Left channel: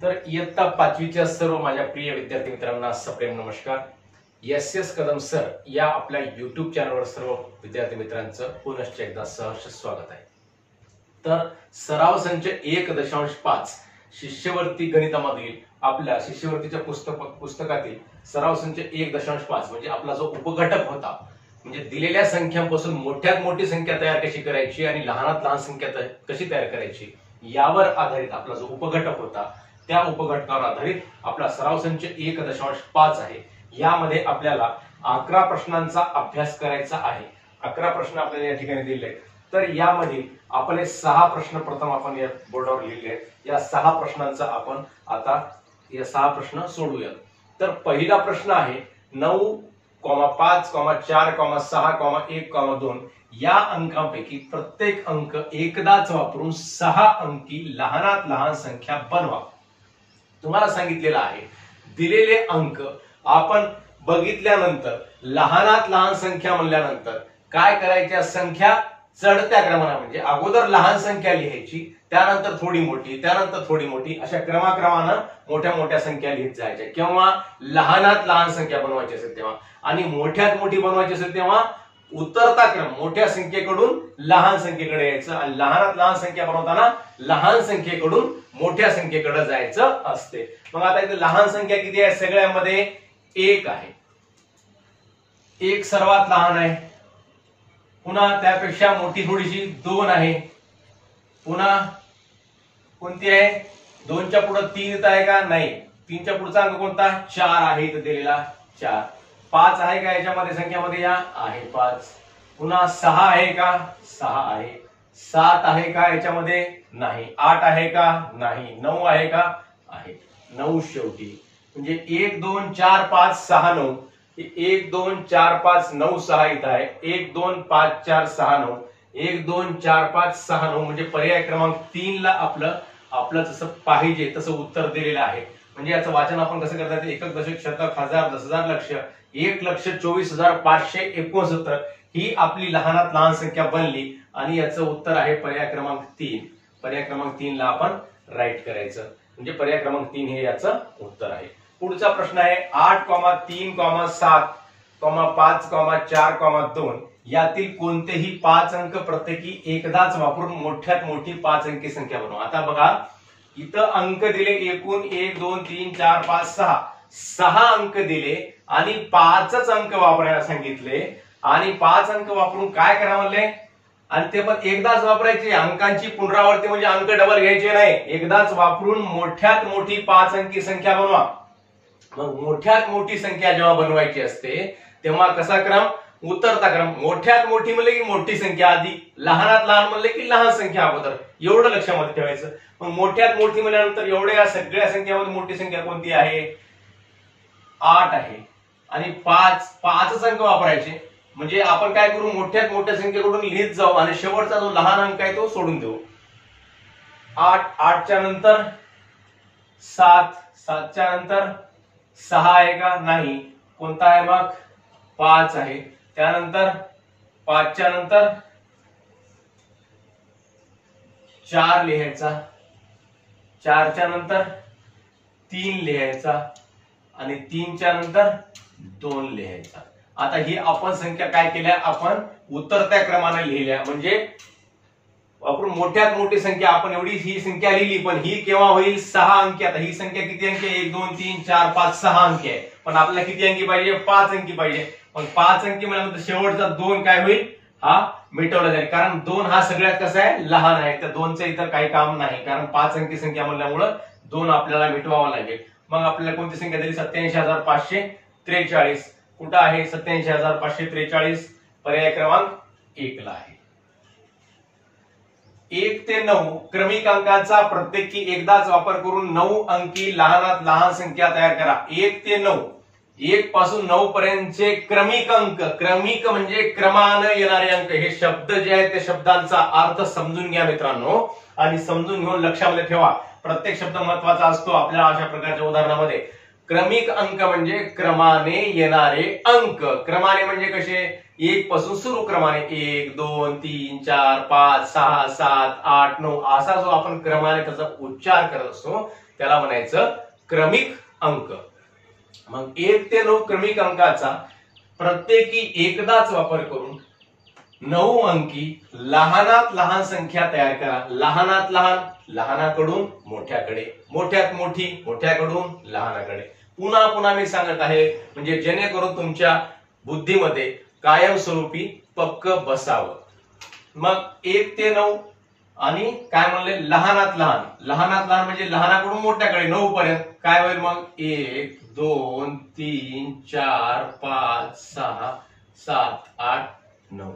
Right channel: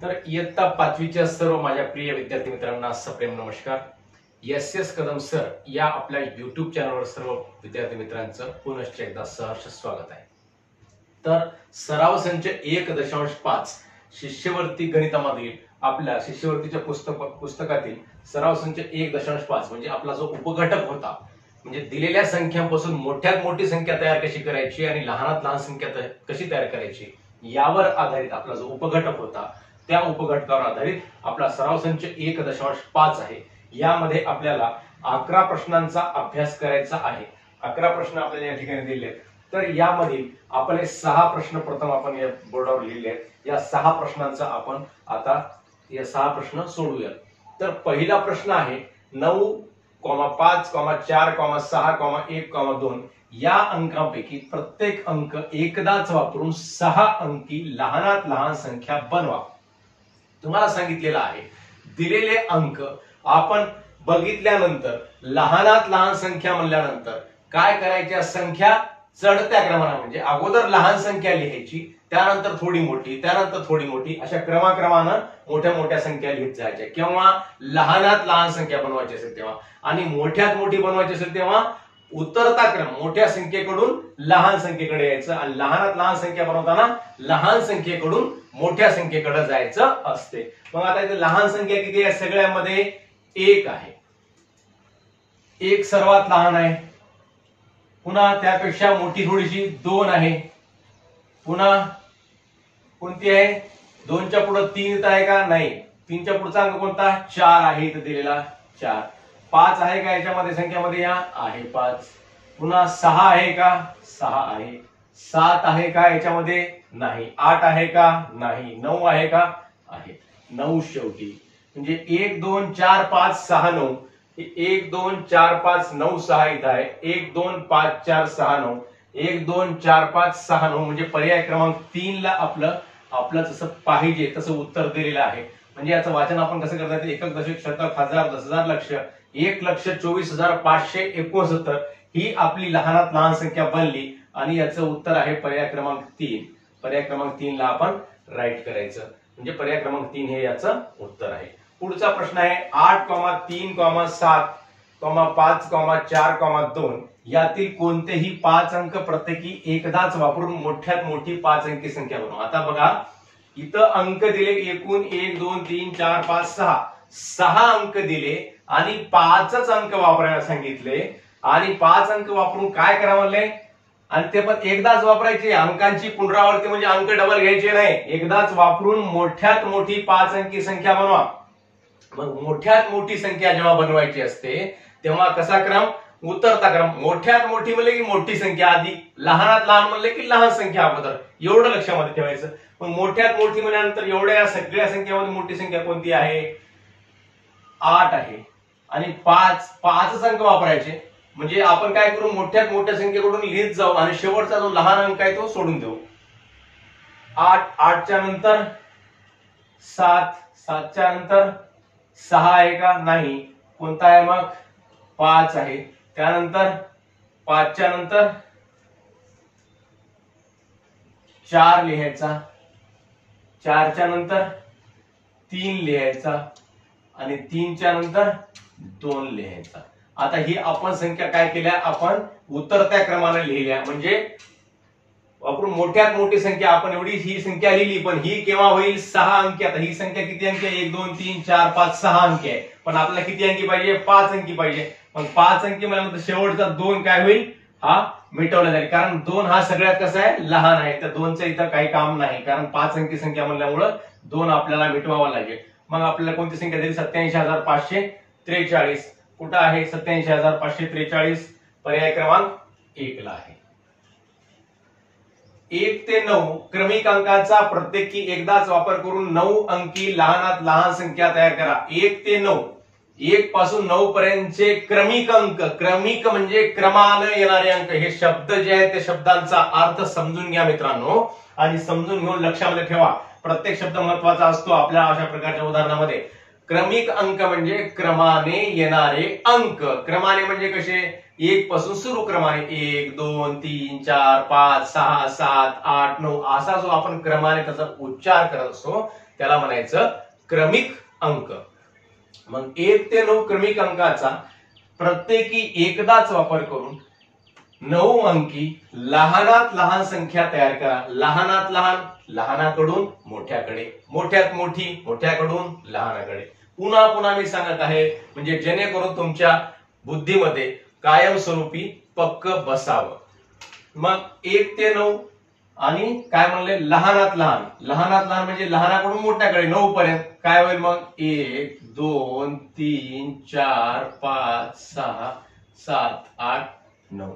तर इयत्ता पाचवीच्या सर्व माझ्या प्रिय विद्यार्थी मित्रांना सप्रेम नमस्कार. एस कदम सर या आपल्या युट्यूब चॅनलवर सर्व विद्यार्थी मित्रांचं पुनश्च एकदा सहर्ष स्वागत आहे. तर सराव संच 1.5 शिष्यवृत्ती गणितामधील आपल्या शिष्यवृत्तीच्या पुस्तकातील सराव संच 1.5 म्हणजे आपला जो उपघटक होता, म्हणजे दिलेल्या संख्यांपासून मोठ्यात मोठी संख्या तयार कशी करायची आणि लहानात लहान संख्या कशी तयार करायची यावर आधारित आपला जो उपघटक होता, त्या उपघटकावर आधारित आपला सराव संच 1.5 आहे. यामध्ये आपल्याला 11 प्रश्नांचा अभ्यास करायचा आहे. 11 प्रश्न आपल्याला या ठिकाणी दिले आहेत. तर यामध्ये आपले 6 प्रश्न प्रथम आपण या बोर्डावर लिहिले आहेत. या 6 प्रश्नांचा आपण आता या 6 प्रश्न सोडूया. तर पहिला प्रश्न आहे 9,5,4,6,1,2 या अंकांपैकी प्रत्येक अंक एकदाच वापरून 6 अंकी लहानात लहान संख्या बनवा. तुम्हाला सांगितलेलं आहे दिलेले अंक आपण बघितल्यानंतर लहानात लहान संख्या म्हणल्यानंतर काय करायच्या, संख्या चढत्या क्रमाने म्हणजे अगोदर लहान संख्या लिहायची, त्यानंतर थोडी मोठी, त्यानंतर थोडी मोठी, अशा क्रमाक्रमानं मोठ्या मोठ्या संख्या लिहित जायच्या. किंवा लहानात लहान संख्या बनवायची असेल तेव्हा आणि मोठ्यात मोठी बनवायची असेल तेव्हा उतरता क्रम मोठ्या संख्येकडून लहान संख्येकडे यायचं आणि लहानात लहान संख्या बनवताना लहान संख्येकडून मोठ्या संख्येकडे जायचं असते. मग आता इथे लहान संख्या किती आहे, सगळ्यामध्ये 1 आहे. 1 सर्वात लहान आहे. पुन्हा त्यापेक्षा मोठी थोडीशी 2 आहे. पुन्हा कोणती आहे, 2च्या पुढे 3 येत आहे का, नाही. 3च्या पुढचा अंक कोणता, 4 आहे इथं दिलेला 4. 5 आहे का याच्यामध्ये संख्यामध्ये, या आहे 5. पुन्हा 6 आहे का, 6 आहे. 7 आहे का याच्यामध्ये, नाही. 8 आहे का, नाही. 9 आहे का, आहे. 9 शेवटी म्हणजे 1 2 4 5 6 9. 1 2 4 5 9 6 इथं आहे. 1 2 5 4 6 9. 1 2 4 5 6 9 म्हणजे पर्याय क्रमांक 3 ला आपलं जसं पाहिजे तसं उत्तर दिलेलं आहे. म्हणजे याचं वाचन आपण कसं करतात, एकक दशक शतक हजार 10,000 लक्ष 1,24,569 ही आपली लहानात लहान संख्या बनली आणि याचं उत्तर आहे पर्याय क्रमांक 3. पर्याय क्रमांक 3 ला आपण राईट करायचं म्हणजे पर्याय क्रमांक 3 हे याचं उत्तर आहे. पुढचा प्रश्न आहे 8,3,7,5,4,2 यातील कोणतेही 5 अंक प्रत्येकी एकदाच वापरून मोठ्यात मोठी 5 अंकी संख्या बनवा. आता बघा इथं अंक दिले एकूण 1 2 3 4 5 6 अंक दिले आणि 5च अंक वापरायला सांगितले आणि 5 अंक वापरून काय करा म्हणले, आणि ते पण एकदाच वापरायचे. अंकांची पुनरावृत्ती म्हणजे अंक डबल घ्यायचे नाही, एकदाच वापरून मोठ्यात मोठी 5 अंकी संख्या बनवा. मग मोठ्यात मोठी संख्या जेव्हा बनवायची असते तेव्हा कसा क्रम, उतरता क्रम. मोठ्यात मोठी म्हणले की मोठी संख्या आधी, लहानात लहान म्हणले की लहान संख्या अगोदर, एवढं लक्षामध्ये ठेवायचं. मग मोठ्यात मोठी म्हणल्यानंतर एवढ्या सगळ्या संख्यामध्ये मोठी संख्या कोणती आहे, 8 आहे. आणि 5च अंक वापरायचे. म्हणजे आपण काय करू, मोठ्यात मोठ्या संख्येकडून लिहित जाऊ आणि शेवटचा जो लहान अंक आहे तो सोडून देऊ. 8च्या नंतर 7, 7च्या नंतर 6 आहे का, नाही. कोणता आहे मग, 5 आहे. त्यानंतर 5च्या नंतर 4 लिहायचा, 4च्या नंतर 3 लिहायचा आणि 3च्या नंतर 2 लिहायचा. आता ही आपण संख्या काय केल्या, आपण उतरत्या क्रमाने लिहिल्या. म्हणजे वापरून मोठ्यात मोठी संख्या आपण एवढी ही संख्या लिहिली, पण ही केव्हा होईल, 6 अंकी. आता ही संख्या किती अंकी आहे, 1 2 3 4 5 6 अंकी आहे. पण आपल्याला किती अंकी पाहिजे, 5 अंकी पाहिजे. पण 5 अंकी म्हणल्यानंतर शेवटचा 2 काय होईल, हा मिटवला जाईल. कारण 2 हा सगळ्यात कसा आहे, लहान आहे. तर 2चं इथं काही काम नाही, कारण 5 अंकी संख्या म्हणल्यामुळं 2 आपल्याला मिटवावा लागेल. मग आपल्याला कोणती संख्या दिली, 87,543. कुठं आहे 87,543, पर्याय क्रमांक 1 ला आहे. 1 ते 9 क्रमिक अंकांचा प्रत्येकी एकदाच वापर करून 9 अंकी लहानात लहान संख्या तयार करा. 1 ते 9, 1 पासून 9 पर्यंतचे क्रमिक अंक, क्रमिक म्हणजे क्रमाने येणारे अंक. हे शब्द जे आहेत त्या शब्दांचा अर्थ समजून घ्या मित्रांनो आणि समजून घेऊन लक्षामध्ये ठेवा. प्रत्येक शब्द महत्वाचा असतो आपल्या अशा प्रकारच्या उदाहरणामध्ये. क्रमिक अंक म्हणजे क्रमाने येणारे अंक. क्रमाने म्हणजे कसे, 1 पासून सुरू क्रमाने 1 2 3 4 5 6 7 8 9 असा जो आपण क्रमाने त्याचा उच्चार करत असतो त्याला म्हणायचं क्रमिक अंक. मग 1 ते 9 क्रमिक अंकाचा प्रत्येकी एकदाच वापर करून 9 अंकी लहानात लहान संख्या तयार करा. लहानात लहान, लहानाकडून मोठ्याकडे, मोठ्यात मोठी, मोठ्याकडून लहानाकडे. पुन्हा पुन्हा मी सांगत आहे म्हणजे जेणेकरून तुमच्या बुद्धीमध्ये कायमस्वरूपी पक्क बसावं. मग 1 ते 9 आणि काय म्हणले लहानात लहान. लहानात लहान म्हणजे लहानाकडून मोठ्याकडे 9 पर्यंत काय होईल मग 1 2 3 4 5 6 7 8 9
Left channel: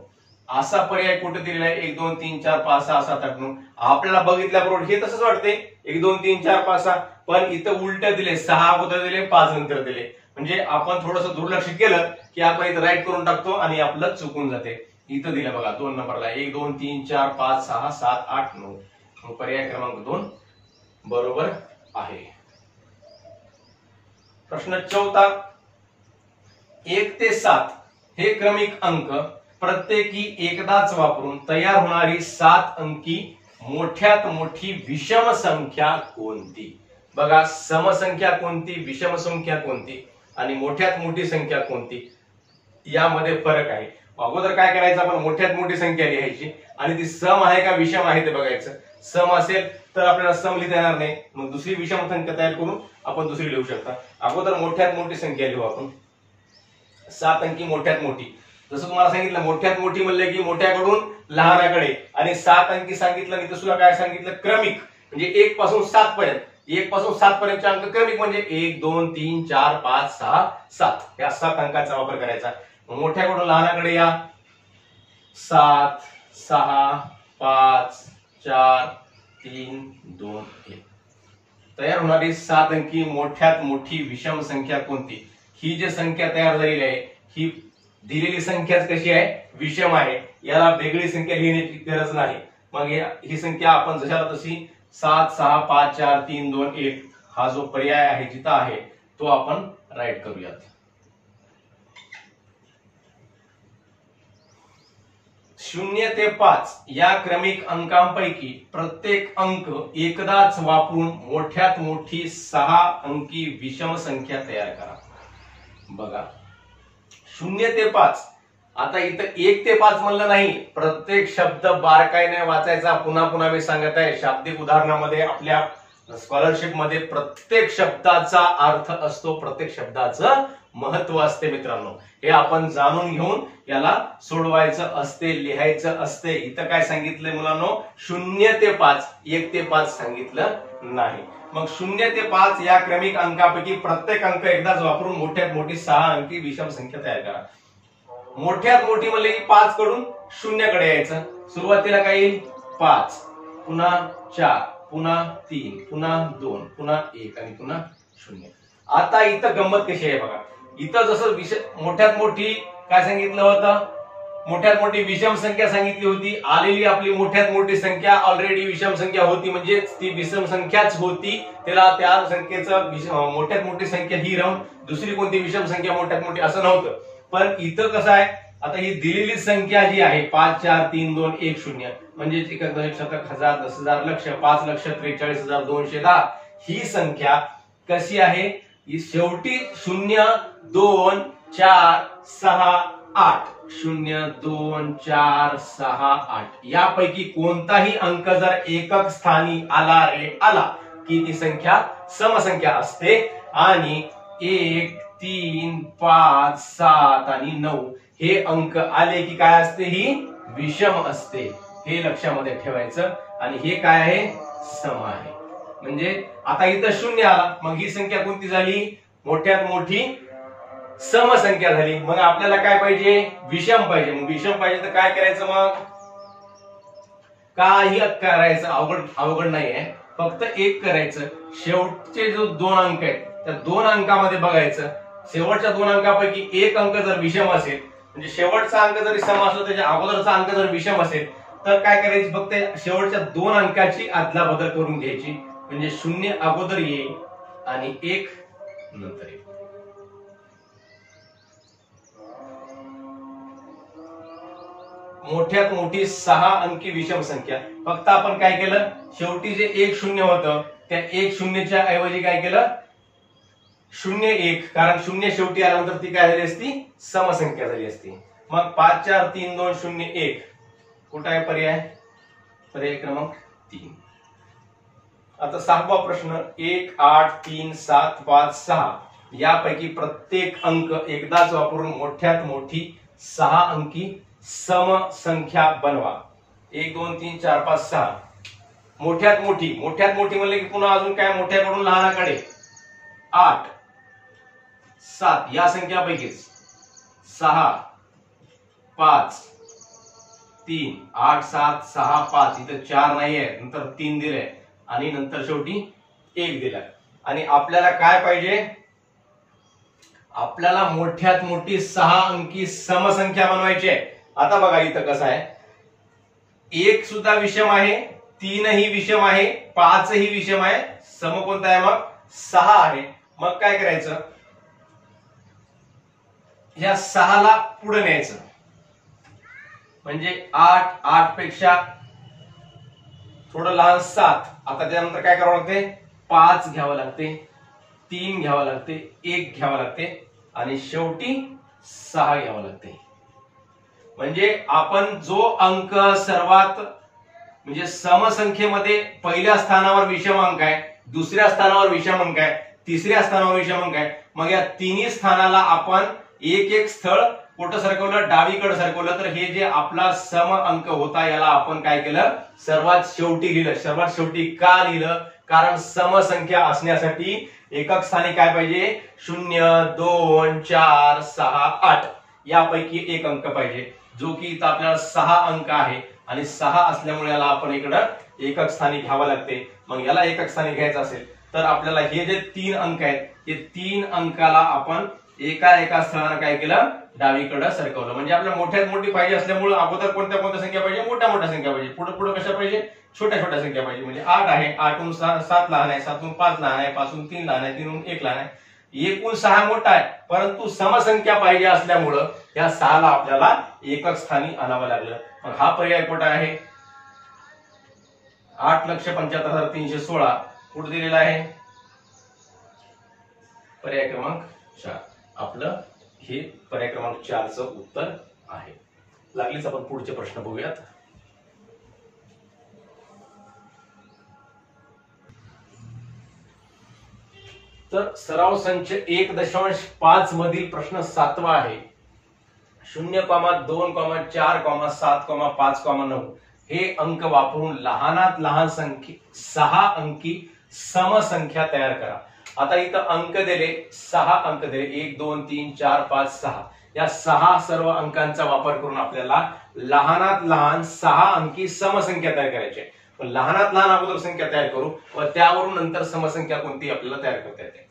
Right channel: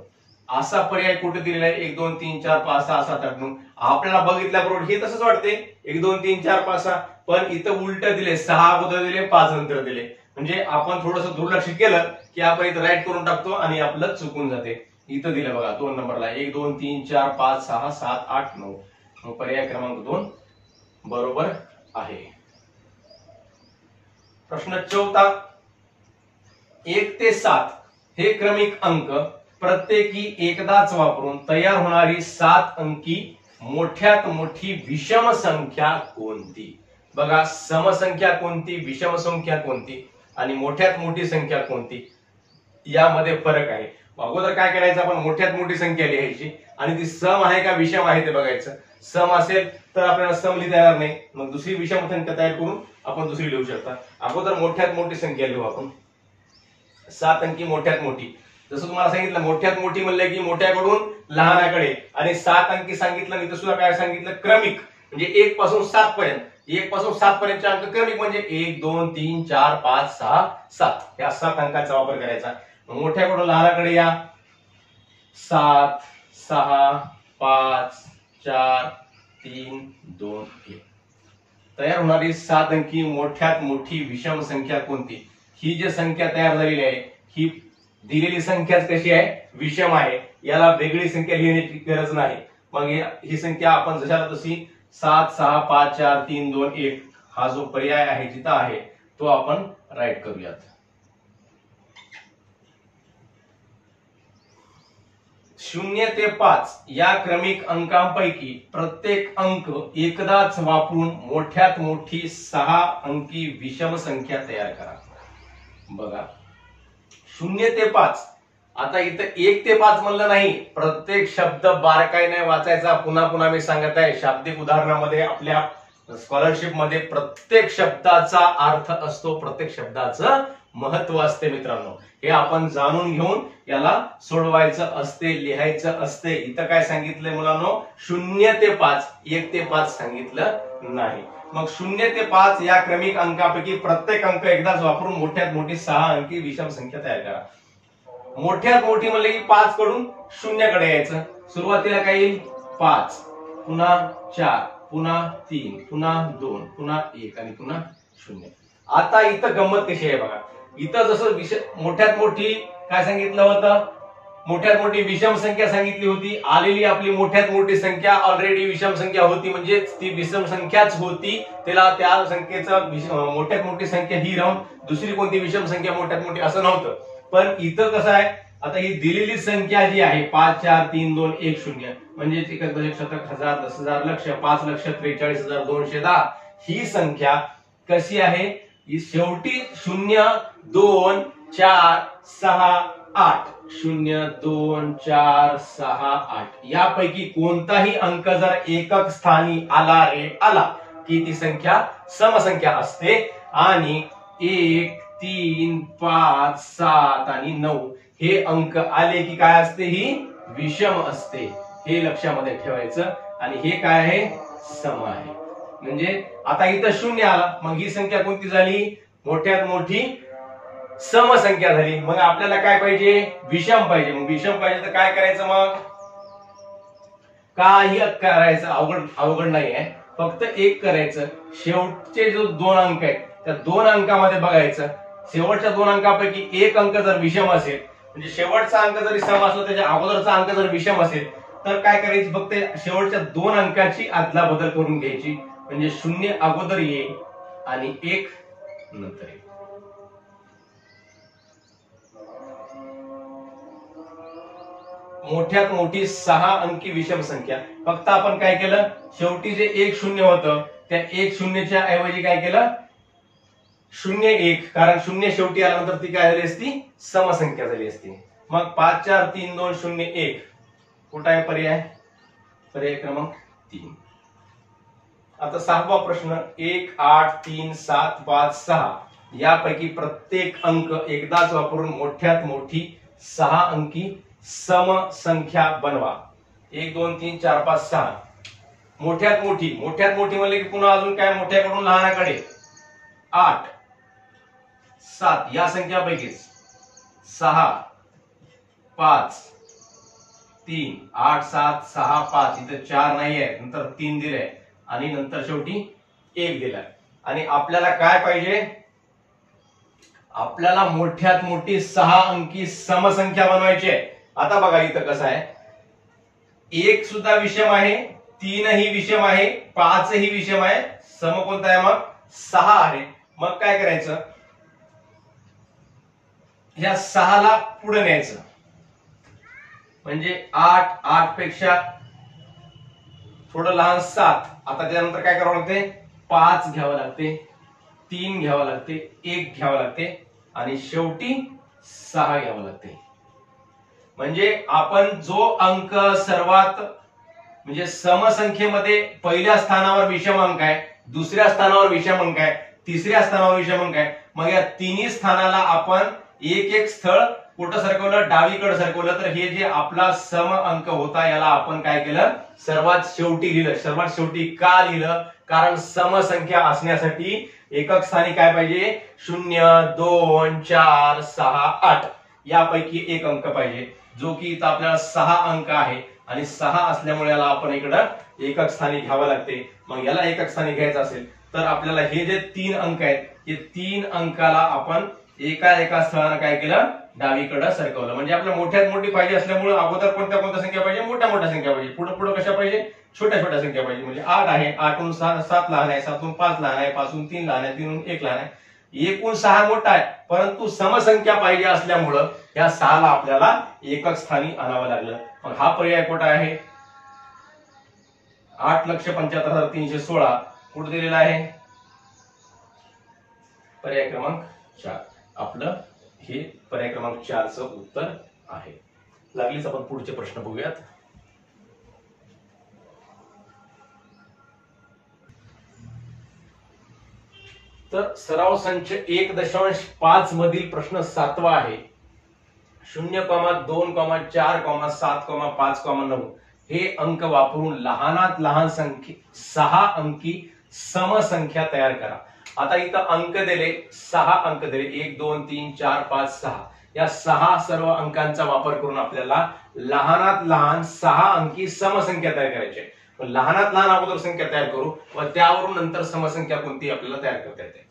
असा पर्याय कुठे दिलेला आहे. 1 2 3 4 5 6 7 8 9. आपल्याला बघितल्याबरोबर हे तसंच वाटते 1 2 3 4 5 6, पण इथं उलट दिले. 6 अगोदर दिले, 5 नंतर दिले. म्हणजे आपण थोडंसं दुर्लक्ष केलं की आपण इथं राईट करून टाकतो आणि आपलं चुकून जाते. इथं दिलं बघा 2 नंबरला 1 2 3 4 5 6 7 8 9. मग पर्याय क्रमांक 2 बरोबर आहे. प्रश्न 4 1 ते 7 हे क्रमिक अंक प्रत्येकी एकदाच वापरून तयार होणारी 7 अंकी मोठ्यात मोठी विषम संख्या कोणती. बघा समसंख्या कोणती, विषम संख्या कोणती आणि मोठ्यात मोठी संख्या कोणती यामध्ये फरक आहे. अगोदर काय करायचं आपण मोठ्यात मोठी संख्या लिहायची आणि ती सम आहे का विषम आहे ते बघायचं. सम असेल तर आपल्याला सम लिहिता येणार नाही, मग दुसरी विषम संख्या तयार करून आपण दुसरी लिहू शकता. अगोदर मोठ्यात मोठी संख्या लिहू आपण. 7 अंकी मोठ्यात मोठी. जसं तुम्हाला सांगितलं मोठ्यात मोठी म्हणलं की मोठ्याकडून लहानाकडे आणि 7 अंकी सांगितलं. मी सुद्धा काय सांगितलं क्रमिक म्हणजे 1 पासून 7 पर्यंत. 1 पासून 7 पर्यंतचे अंक क्रमिक म्हणजे 1 2 3 4 5 6 7 या 7 अंकाचा वापर करायचा. मोठ्याकडून लहानाकडे या 7 6 5 4 3 2 1. तयार होणारी 7 अंकी मोठ्यात मोठी विषम संख्या कोणती. ही जी संख्या तयार झालेली आहे ही दिलेली संख्याच कशी आहे विषम आहे. याला वेगळी संख्या लिहिण्याची गरज नाही. मग ही संख्या आपण जशाला तशी 7 6 5 4 3 2 1 हा जो पर्याय आहे जिथं आहे तो आपण राईट करूयात. 0 ते 5 या क्रमिक अंकांपैकी प्रत्येक अंक एकदाच वापरून मोठ्यात मोठी 6 अंकी विषम संख्या तयार करा. बघा 0 ते 5. आता इथं 1 ते 5 म्हणलं नाही, प्रत्येक शब्द बारकाईने वाचायचा. पुन्हा पुन्हा मी सांगत आहे शाब्दिक उदाहरणामध्ये आपल्या स्कॉलरशिप मध्ये प्रत्येक शब्दाचा अर्थ असतो, प्रत्येक शब्दाचं महत्व असते मित्रांनो. हे आपण जाणून घेऊन याला सोडवायचं असते, लिहायचं असते. इथं काय सांगितलंय मुलांनो 0 ते 5, 1 ते 5 सांगितलं नाही. मग 0 ते 5 या क्रमिक अंकापैकी प्रत्येक अंक एकदाच वापरून मोठ्यात मोठी 6 अंकी विषम संख्या तयार करा. मोठ्यात मोठी म्हणले की 5 कडून 0 कडे यायचं. सुरुवातीला काय येईल 5, पुन्हा 4, पुन्हा 3, पुन्हा 2, पुन्हा 1 आणि पुन्हा 0. आता इथं गंमत कशी आहे बघा. इथं जसं मोठ्यात मोठी काय सांगितलं होतं, मोठ्यात मोठी विषम संख्या सांगितली होती. आलेली आपली मोठ्यात मोठी संख्या ऑलरेडी विषम संख्या होती म्हणजे ती विषम संख्याच होती. त्याला त्या संख्येचं मोठ्यात मोठी संख्या ही राहून दुसरी कोणती विषम संख्या मोठ्यात मोठी असं नव्हतं. पण इथं कसं आहे आता ही दिलेली संख्या जी आहे 5 4 3 2 1 0 म्हणजे 1 दशक शतक हजार 10,000 लक्ष 5,43,210 ही संख्या कशी आहे ही शेवटी 0 2 4 6 8 0 2 4 6 8 यापैकी कोणताही अंक जर एकक स्थानी आला रे आला की ती संख्या समसंख्या असते आणि 1 3 5 7 आणि 9 हे अंक आले की काय असते ही विषम असते. हे लक्षामध्ये ठेवायचं. आणि हे काय आहे सम आहे. म्हणजे आता इथं 0 आला मग ही संख्या कोणती झाली मोठ्यात मोठी समसंख्या झाली. मग आपल्याला काय पाहिजे विषम पाहिजे. मग विषम पाहिजे तर काय करायचं मग काही करायचं अवघड नाही आहे. फक्त एक करायचं शेवटचे जो 2 अंक आहेत त्या 2 अंकामध्ये बघायचं शेवटच्या 2 अंकापैकी एक अंक जर विषम असेल म्हणजे शेवटचा अंक जरी सम असला त्याच्या अगोदरचा अंक जर विषम असेल तर काय करायचं फक्त शेवटच्या 2 अंकाची अदला बदल करून घ्यायची. म्हणजे 0 अगोदर येईल आणि 1 नंतर येईल. मोठ्यात मोठी 6 अंकी विषम संख्या. फक्त आपण काय केलं शेवटी जे 1 0 होतं त्या एक शून्यच्या ऐवजी काय केलं, 0 1, कारण 0 शेवटी आल्यानंतर ती काय झाली असती, समसंख्या झाली असती. मग 5 4 3 2 0 1 कुठं आहे पर्याय, पर्याय क्रमांक 3. आता 6वा प्रश्न, 1 8 3 7 5 6 यापैकी प्रत्येक अंक एकदाच वापरून मोठ्यात मोठी 6 अंकी समसंख्या बनवा. 1 2 3 4 5 6 मोठ्यात मोठी, मोठ्यात मोठी म्हणले की पुन्हा अजून काय, मोठ्याकडून लहानाकडे 8 7 या संख्यापैकीच 6 5 3 8 7 6 5 इथं 4 नाहीये, नंतर 3 दिले आणि नंतर शेवटी 1 दिलाय. आणि आपल्याला काय पाहिजे, आपल्याला मोठ्यात मोठी 6 अंकी समसंख्या बनवायची आहे. आता बघा इथं कसं आहे, 1 सुद्धा विषम आहे, 3 ही विषम आहे, 5 ही विषम आहे, सम कोणता आहे मग 6 आहे. मग काय करायचं, ह्या 6 ला पुढे न्यायचं, म्हणजे 8 8 पेक्षा थोडं लहान 7. आता त्यानंतर काय करावं लागते, 5 घ्यावं लागते, 3 घ्यावं लागते, 1 घ्यावं लागते आणि शेवटी 6 घ्यावं लागते. म्हणजे आपण जो अंक सर्वात म्हणजे समसंख्येमध्ये पहिल्या स्थानावर विषम अंक आहे, दुसऱ्या स्थानावर विषम अंक आहे, तिसऱ्या स्थानावर विषम अंक आहे, मग या तिन्ही स्थानाला आपण एक एक स्थळ कुठं सरकवलं, डावीकडे सरकवलं, तर हे जे आपला सम अंक होता याला आपण काय केलं, सर्वात शेवटी लिहिलं. सर्वात शेवटी का लिहिलं, कारण समसंख्या असण्यासाठी एकक स्थानी काय पाहिजे, 0 2 4 6 8 यापैकी एक अंक पाहिजे, जो की इथं आपल्याला 6 अंक आहे आणि 6 असल्यामुळे याला आपण इकडं एकक स्थानी घ्यावं लागते. मग याला एकक स्थानी घ्यायचं असेल तर आपल्याला हे जे 3 अंक आहेत, हे 3 अंकाला आपण एका स्थळाला काय केलं, डावीकडे सरकवलं. म्हणजे आपल्याला मोठ्यात मोठी पाहिजे असल्यामुळे अगोदर कोणत्या संख्या पाहिजे, मोठ्या संख्या पाहिजे, पुढे पुढे कशा पाहिजे, छोट्या संख्या पाहिजे. म्हणजे 8 आहे, 8 7 लहान आहे, 7 5 लहान आहे, 5 3 लहान आहे, 3 1 लहान आहे, एकूण 6 मोठा आहे, परंतु समसंख्या पाहिजे असल्यामुळं या 6 ला आपल्याला एकक स्थानी आणावं लागलं. मग हा पर्याय कुठे आहे, 8,75,316 कुठे दिलेला आहे, पर्याय क्रमांक 4. आपलं हे पर्याय क्रमांक 4 चं उत्तर आहे. लागलीच आपण पुढचे प्रश्न बघूयात. तर सराव संच 1.5 मधील प्रश्न 7वा आहे. 0, 2, 4, 7, 5, 9 हे अंक वापरून लहानात लहान संख्या 6 अंकी समसंख्या तयार करा. आता इथं अंक दिले, 6 अंक दिले, 1 2 3 4 5 6 या 6 सर्व अंकांचा वापर करून आपल्याला लहानात लहान 6 अंकी समसंख्या तयार करायची आहे. लहानात लहान अगोदर संख्या तयार करू व त्यावरून नंतर समसंख्या कोणती आपल्याला तयार करता येते.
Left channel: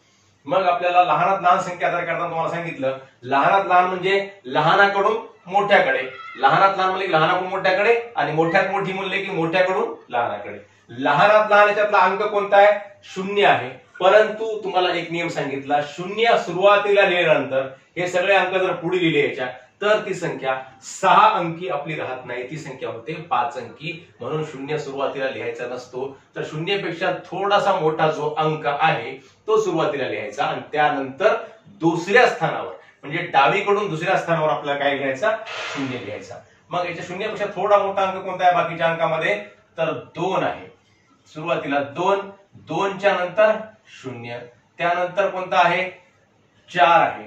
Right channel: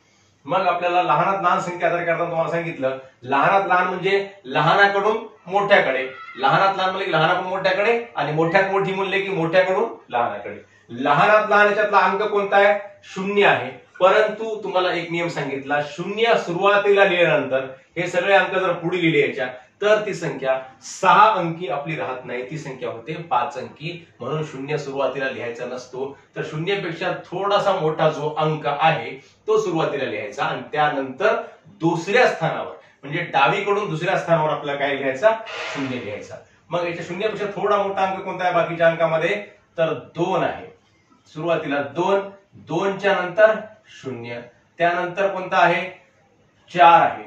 मग आपल्याला लहानात लहान संख्या तयार करताना तुम्हाला सांगितलं, लहानात लहान म्हणजे लहानाकडून मोठ्याकडे, लहानात लहान म्हणजे लहानाकडून मोठ्याकडे आणि मोठ्यात मोठी म्हणले की मोठ्याकडून लहानाकडे. लहानात लहान याच्यातला अंक कोणता आहे, 0 आहे. परंतु तुम्हाला एक नियम सांगितला, 0 सुरुवातीला लिहिल्यानंतर हे सगळे अंक जर पुढे लिहिले याच्या, तर ती संख्या 6 अंकी आपली राहत नाही, ती संख्या होते 5 अंकी. म्हणून 0 सुरुवातीला लिहायचा नसतो, तर 0 पेक्षा थोडासा मोठा जो अंक आहे तो सुरुवातीला लिहायचा आणि त्यानंतर दुसऱ्या स्थानावर म्हणजे डावीकडून दुसऱ्या स्थानावर आपल्याला काय लिहायचा, 0 लिहायचा. मग याच्या 0 पेक्षा थोडा मोठा अंक कोणता आहे बाकीच्या अंकामध्ये, तर 2 आहे. सुरुवातीला 2, 2 च्या नंतर 0, त्यानंतर कोणता आहे, 4 आहे.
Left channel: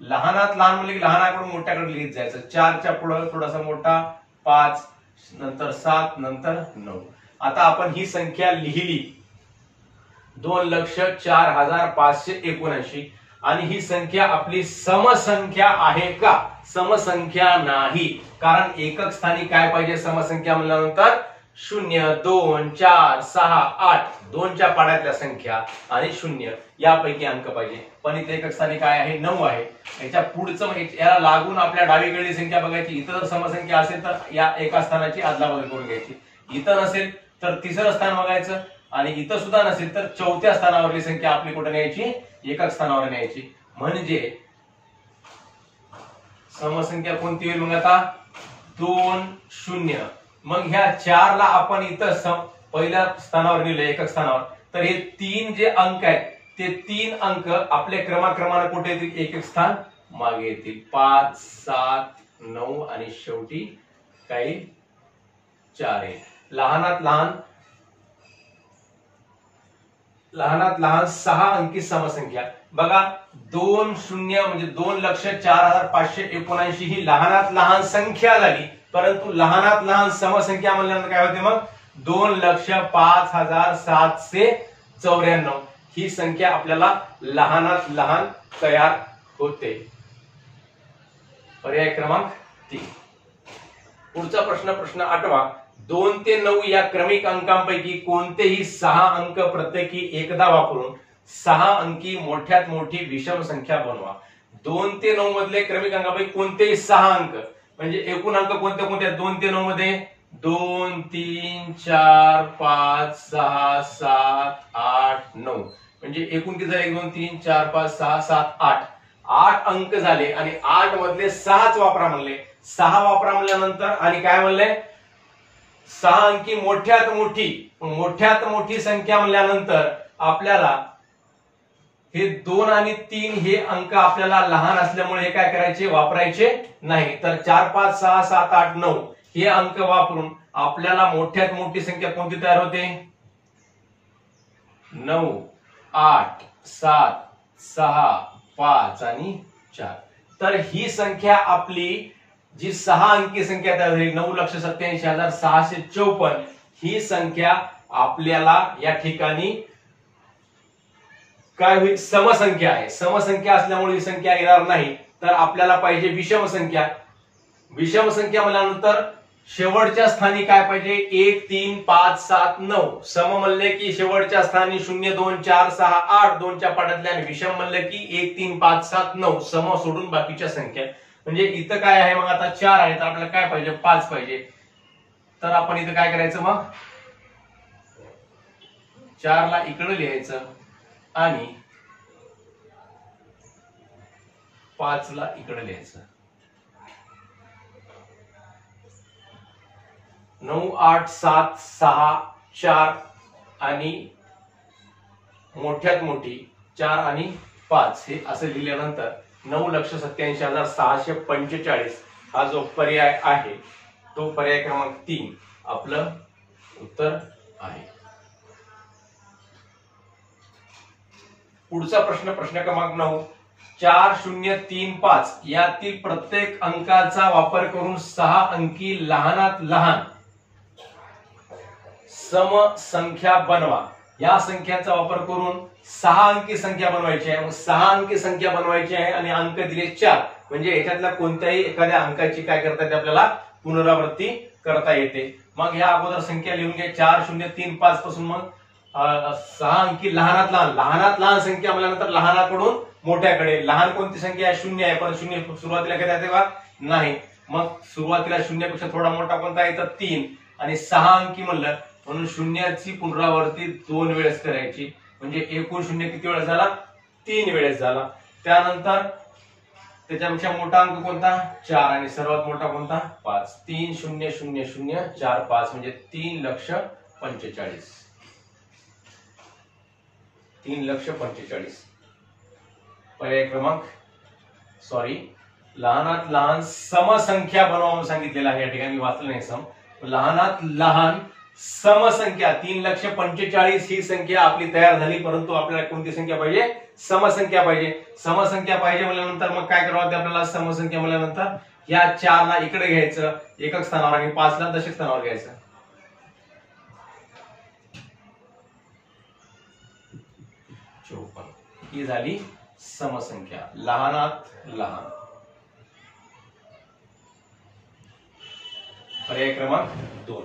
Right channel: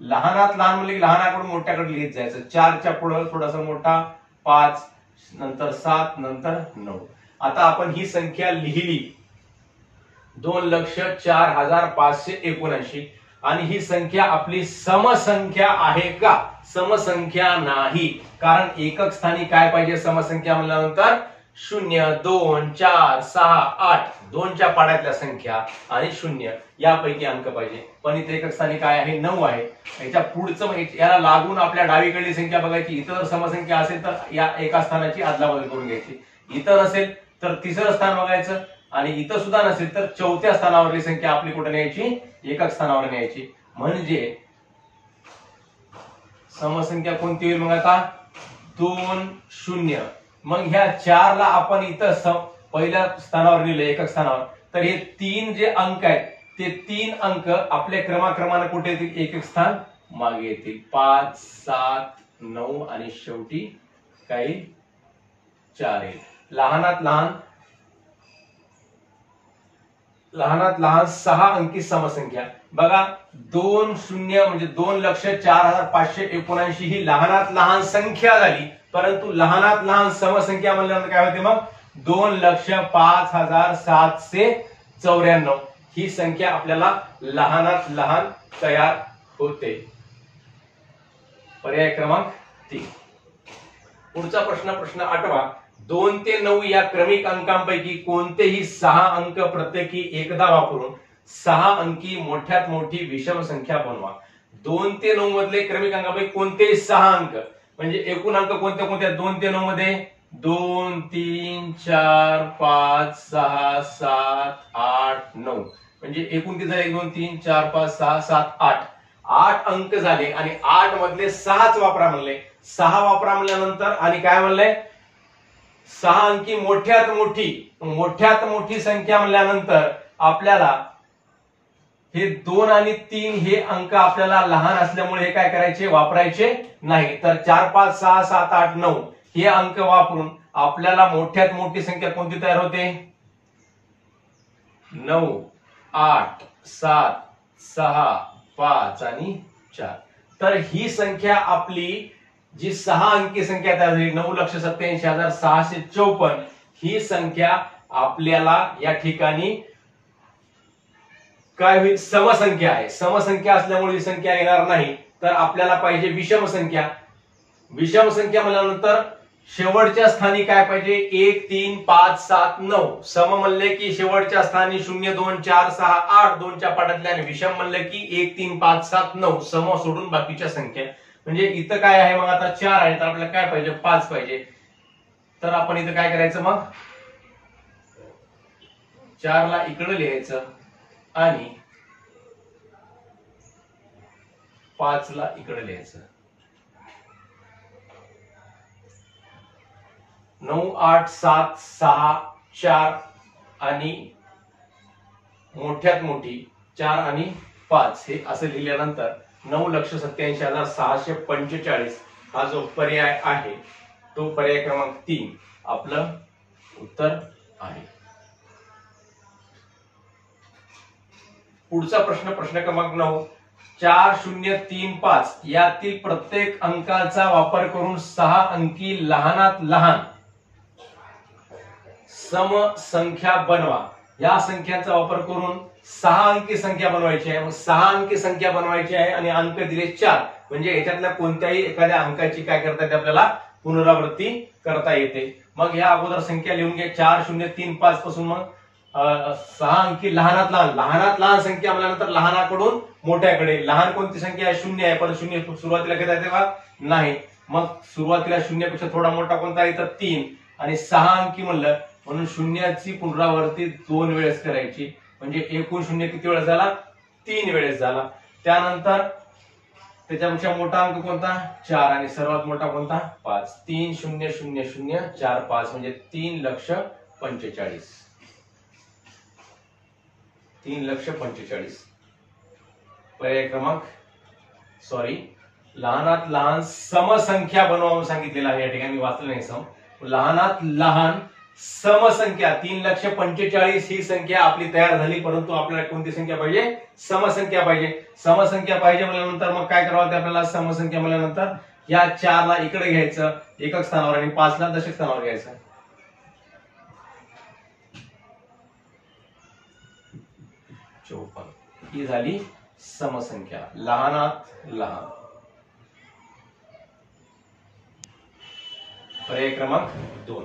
लहानात लहान म्हणजे लहानाकडून मोठ्याकडे लिहित जायचं. 4 च्या पुढे थोडासा मोठा 5, नंतर 7, नंतर 9. आता आपण ही संख्या लिहिली 2,04,579 आणि ही संख्या आपली समसंख्या आहे का, समसंख्या नाही. कारण एकक स्थानी काय पाहिजे समसंख्या म्हणल्यानंतर 0, 2, 4, 6, 8 2च्या पाड्यातल्या संख्या आणि 0 यापैकी अंक पाहिजे. पण इथे एकक स्थानी काय आहे, 9 आहे. याच्या पुढचं याला लागून आपल्या डावीकडली संख्या बघायची. इथं जर समसंख्या असेल तर या एका स्थानाची अदलाबदल करून घ्यायची, इथं नसेल तर तिसरं स्थान बघायचं आणि इथं सुद्धा नसेल तर चौथ्या स्थानावरली संख्या आपली कुठे न्यायची, एकक स्थानावर न्यायची. म्हणजे समसंख्या कोणती होईल मग आता, 2 0. मग ह्या 4 ला आपण इथं पहिल्या स्थानावर लिहिलं, एकक स्थानावर, तर हे 3 जे अंक आहेत ते 3 अंक आपल्या क्रमाक्रमाने कुठे येतील, एक एक स्थान मागे येतील. 5, 7, 9 आणि शेवटी काही 4 येईल. लहानात लहान 6 अंकी समसंख्या बघा. 20 म्हणजे 2,04,579 ही लहानात लहान संख्या झाली, परंतु लहानात लहान समसंख्या म्हणल्यानंतर काय होते मग 2,05,794 ही संख्या आपल्याला लहानात लहान तयार होते. पर्याय क्रमांक 3. पुढचा प्रश्न 8वा. 2 ते 9 या क्रमिक अंकांपैकी कोणतेही 6 अंक प्रत्येकी एकदा वापरून 6 अंकी मोठ्यात मोठी विषम संख्या बनवा. 2 ते 9 मधले क्रमिक अंकापैकी कोणतेही 6 अंक म्हणजे एकूण अंक कोणते कोणते 2 ते 9 मध्ये 2, 3, 4, 5, 6, 7, 8, 9 म्हणजे एकूण किती झाले 1, 2, 3, 4, 5, 6, 7, 8 8 अंक झाले आणि 8 मधले 6च वापरा म्हणले. 6 वापरा म्हणल्यानंतर आणि काय म्हणले 6 अंकी मोठ्यात मोठी संख्या म्हणल्यानंतर आपल्याला हे 2 आणि 3 हे अंक आपल्याला लहान असल्यामुळे हे काय करायचे वापरायचे नाही. तर 4, 5, 6, 7, 8, 9 हे अंक वापरून आपल्याला मोठ्यात मोठी संख्या कोणती तयार होते 9, 8, 7, 6, 5 आणि 4. तर ही संख्या आपली जी 6 अंकी संख्या तयार झाली 9,87,654 ही संख्या आपल्याला या ठिकाणी काय होईल समसंख्या आहे. समसंख्या असल्यामुळे ही संख्या येणार नाही. तर आपल्याला पाहिजे विषम संख्या. विषम संख्या म्हणल्यानंतर शेवटच्या स्थानी काय पाहिजे 1, 3, 5, 7, 9 सम म्हणले की शेवटच्या स्थानी 0, 2, 4, 6, 8 2च्या पाठातल्या आणि विषम म्हणले की 1, 3, 5, 7, 9 सम सोडून बाकीच्या संख्या. म्हणजे इथं काय आहे मग आता 4 आहे तर आपल्याला काय पाहिजे 5 पाहिजे. तर आपण इथं काय करायचं मग 4 ला इकडे लिहायचं आणि 5 ला इकडे लिहायचं. 9, 8, 7, 6, 4 आणि मोठ्यात मोठी 4 आणि 5 हे असं लिहिल्यानंतर 9,87,645 हा जो पर्याय आहे तो पर्याय क्रमांक 3 आपलं उत्तर आहे. पुढचा प्रश्न क्रमांक 9. 4035 यातील प्रत्येक अंकाचा वापर करून 6 अंकी लहानात लहान सम संख्या बनवा. या संख्याचा वापर करून 6 अंकी संख्या बनवायची आहे. 6 अंकी संख्या बनवायची आहे आणि अंक दिले 4 म्हणजे याच्यातल्या कोणत्याही एखाद्या अंकाची काय करता येते आपल्याला पुनरावृत्ती करता येते. मग ह्या अगोदर संख्या लिहून घ्या 4035 पासून मग 6 अंकी लहानात लहान संख्या म्हणल्यानंतर लहानाकडून मोठ्याकडे. लहान कोणती संख्या आहे 0 आहे पण 0 सुरुवातीला घेता येते का नाही. मग सुरुवातीला 0 पेक्षा थोडा मोठा कोणता आहे तर 3 आणि 6 अंकी म्हणलं म्हणून शून्याची पुनरावृत्ती 2 वेळेस करायची म्हणजे एकूण 0 किती वेळेस झाला 3 वेळेस झाला. त्यानंतर त्याच्यापेक्षा मोठा अंक कोणता 4 आणि सर्वात मोठा कोणता 5. 3,0,0,0,4,5 म्हणजे 3,45,000. 3,45,000 पर्याय क्रमांक लहानात लहान समसंख्या बनवा म्हणून सांगितलेला आहे. या ठिकाणी वाचलं नाही सम. लहानात लहान समसंख्या 3,45,000 ही संख्या आपली तयार झाली परंतु आपल्याला कोणती संख्या पाहिजे समसंख्या पाहिजे. समसंख्या पाहिजे म्हणल्यानंतर मग काय करावं आपल्याला समसंख्या म्हणल्यानंतर या 4 ला इकडे घ्यायचं एकक स्थानावर आणि 5 ला दशक स्थानावर घ्यायचं. 54 ही झाली समसंख्या लहानात लहान. पर्याय क्रमांक 2.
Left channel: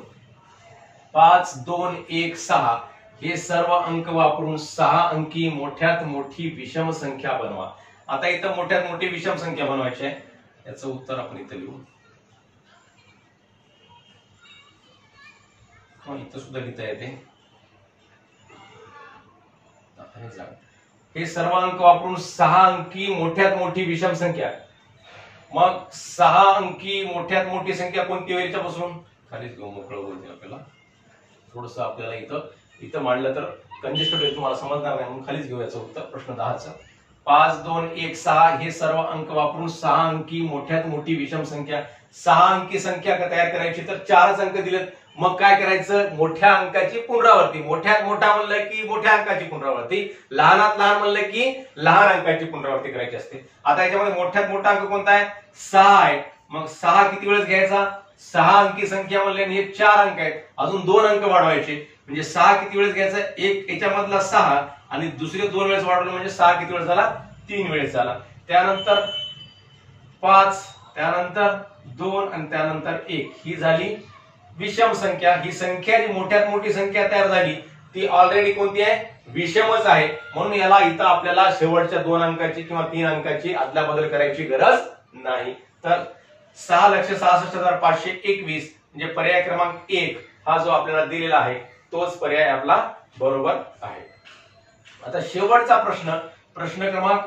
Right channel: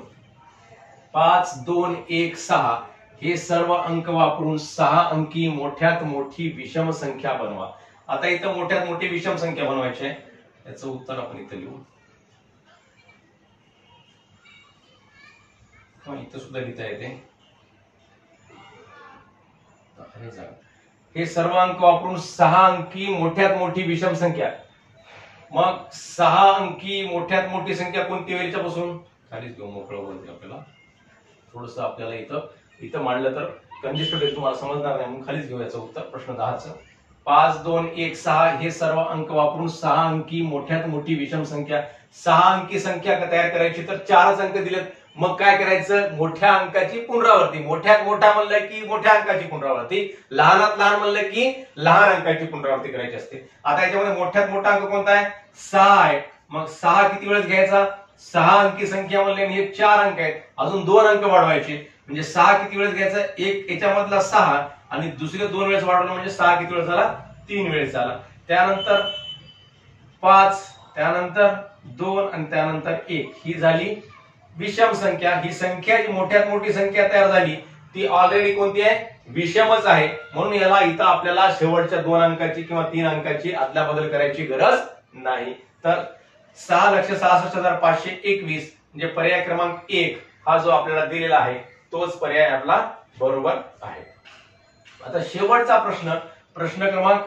5, 2, 1, 6 हे सर्व अंक वापरून 6 अंकी मोठ्यात मोठी विषम संख्या बनवा. आता इथं मोठ्यात मोठी विषम संख्या बनवायची आहे. याचं उत्तर आपण इथं लिहू. इथं सुद्धा लिहिता येते. हे सर्व अंक वापरून 6 अंकी मोठ्यात मोठी विषम संख्या. मग 6 अंकी मोठ्यात मोठी संख्या कोणती होईल याच्यापासून खालीच घेऊ मोकळं बोलते आपल्याला. थोडस आपल्याला इथं इथं मांडलं तर कंजेस्टेड होईल, तुम्हाला समजणार नाही म्हणून खालीच घेऊ याचं उत्तर प्रश्न 10चं. 5 2 1 6 हे सर्व अंक वापरून 6 अंकी मोठ्यात मोठी विषम संख्या, 6 अंकी संख्या तयार करायची तर 4च अंक दिलेत. मग काय करायचं, मोठ्या अंकाची पुनरावृत्ती, मोठ्यात मोठा म्हणलं की मोठ्या अंकाची पुनरावृत्ती, लहानात लहान म्हणलं की लहान अंकाची पुनरावृत्ती करायची असते. आता याच्यामध्ये मोठ्यात मोठा अंक कोणता आहे, 6 आहे. मग 6 किती वेळेस घ्यायचा, 6 अंकी संख्या म्हणले हे 4 अंक आहेत, अजून 2 अंक वाढवायचे म्हणजे 6 किती वेळेस घ्यायचा, एक याच्यामधला 6 आणि दुसरे 2 वेळेस वाढवलं म्हणजे 6 किती वेळेस झाला, 3 वेळेस झाला. त्यानंतर 5, त्यानंतर 2 आणि त्यानंतर 1 ही झाली विषम संख्या. ही संख्या जी मोठ्यात मोठी संख्या तयार झाली ती ऑलरेडी कोणती आहे, विषमच आहे. म्हणून याला इथं आपल्याला शेवटच्या 2 अंकाची किंवा 3 अंकाची अदलाबदल करायची गरज नाही. तर 6,66,521 म्हणजे पर्याय क्रमांक 1 हा जो आपल्याला दिलेला आहे तोच पर्याय आपला बरोबर आहे. आता शेवटचा प्रश्न क्रमांक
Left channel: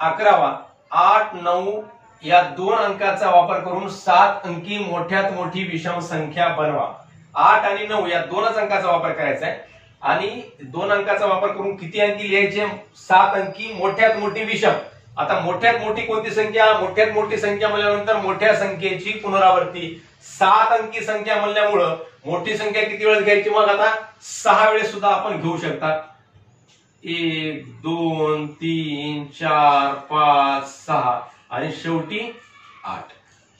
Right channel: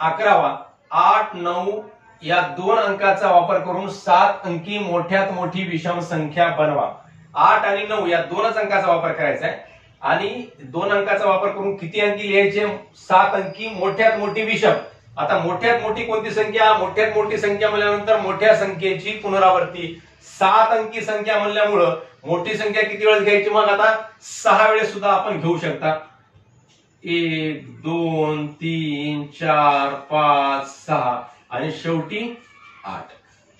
11वा. 8 9 या 2 अंकाचा वापर करून 7 अंकी मोठ्यात मोठी विषम संख्या बनवा. 8 आणि 9 या 2च अंकाचा वापर करायचा आहे आणि 2 अंकाचा वापर करून किती अंकी लिहायचे, 7 अंकी मोठ्यात मोठी विषम. आता मोठ्यात मोठी कोणती संख्या, मोठ्यात मोठी संख्या म्हणल्यानंतर मोठ्या संख्येची पुनरावृत्ती. 7 अंकी संख्या म्हणल्यामुळं मोठी संख्या किती वेळेस घ्यायची, मग आता 6 वेळेस सुद्धा आपण घेऊ शकता. 1 2 3 4 5 6 आणि शेवटी 8.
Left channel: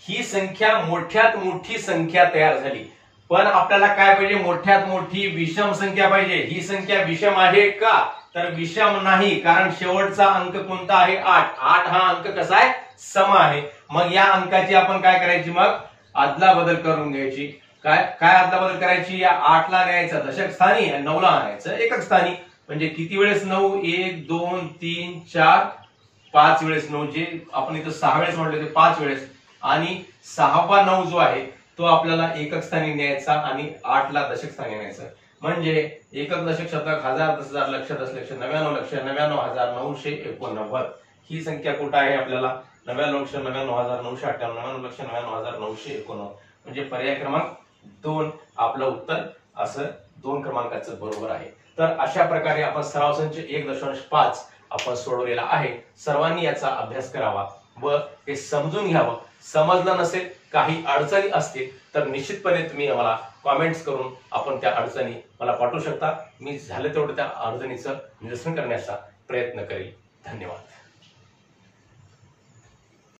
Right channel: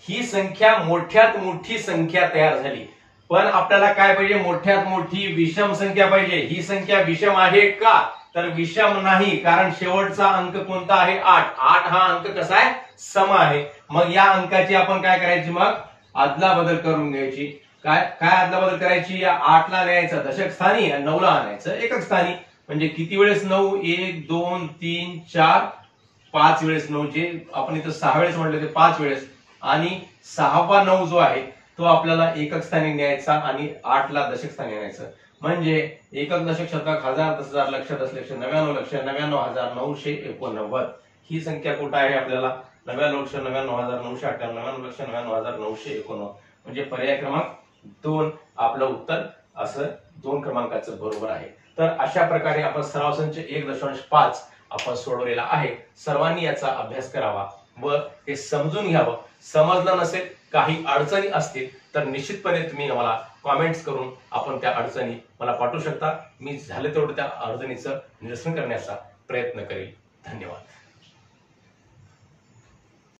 ही संख्या मोठ्यात मोठी संख्या तयार झाली. पण आपल्याला काय पाहिजे, मोठ्यात मोठी विषम संख्या पाहिजे. ही संख्या विषम आहे का, तर विषम नाही, कारण शेवटचा अंक कोणता आहे, 8. 8 हा अंक कसा आहे, सम आहे. मग या अंकाची आपण काय करायची, मग अदलाबदल करून घ्यायची. काय अदलाबदल करायची, या 8ला न्यायचं दशक स्थानी आणि 9ला आणायचं एकक स्थानी. म्हणजे किती वेळेस 9, 1 2 3 4 5 वेळेस 9, जे आपण इथं 6 वेळेस म्हटले होते 5 वेळेस, आणि 6वा 9 जो आहे तो आपल्याला एकक स्थानी न्यायचा आणि 8ला दशक स्थानी न्यायचं. म्हणजे एकक दशक शतक हजार दस हजार लक्ष दस लक्ष 99,99,989. ही संख्या कुठं आहे आपल्याला, 99,99,998, 99,99,989. म्हणजे पर्याय क्रमांक 2 आपलं उत्तर असं 2 क्रमांकाचं बरोबर आहे. तर अशा प्रकारे आपण सराव संच 1.5 आपण सोडवलेला आहे. सर्वांनी याचा अभ्यास करावा व हे समजून घ्यावं. समजलं नसेल, काही अडचणी असतील तर निश्चितपणे तुम्ही मला कॉमेंट्स करून आपण त्या अडचणी मला पाठवू शकता. मी झालं तेवढं त्या अडचणीचं निरसन करण्याचा प्रयत्न करेल. धन्यवाद.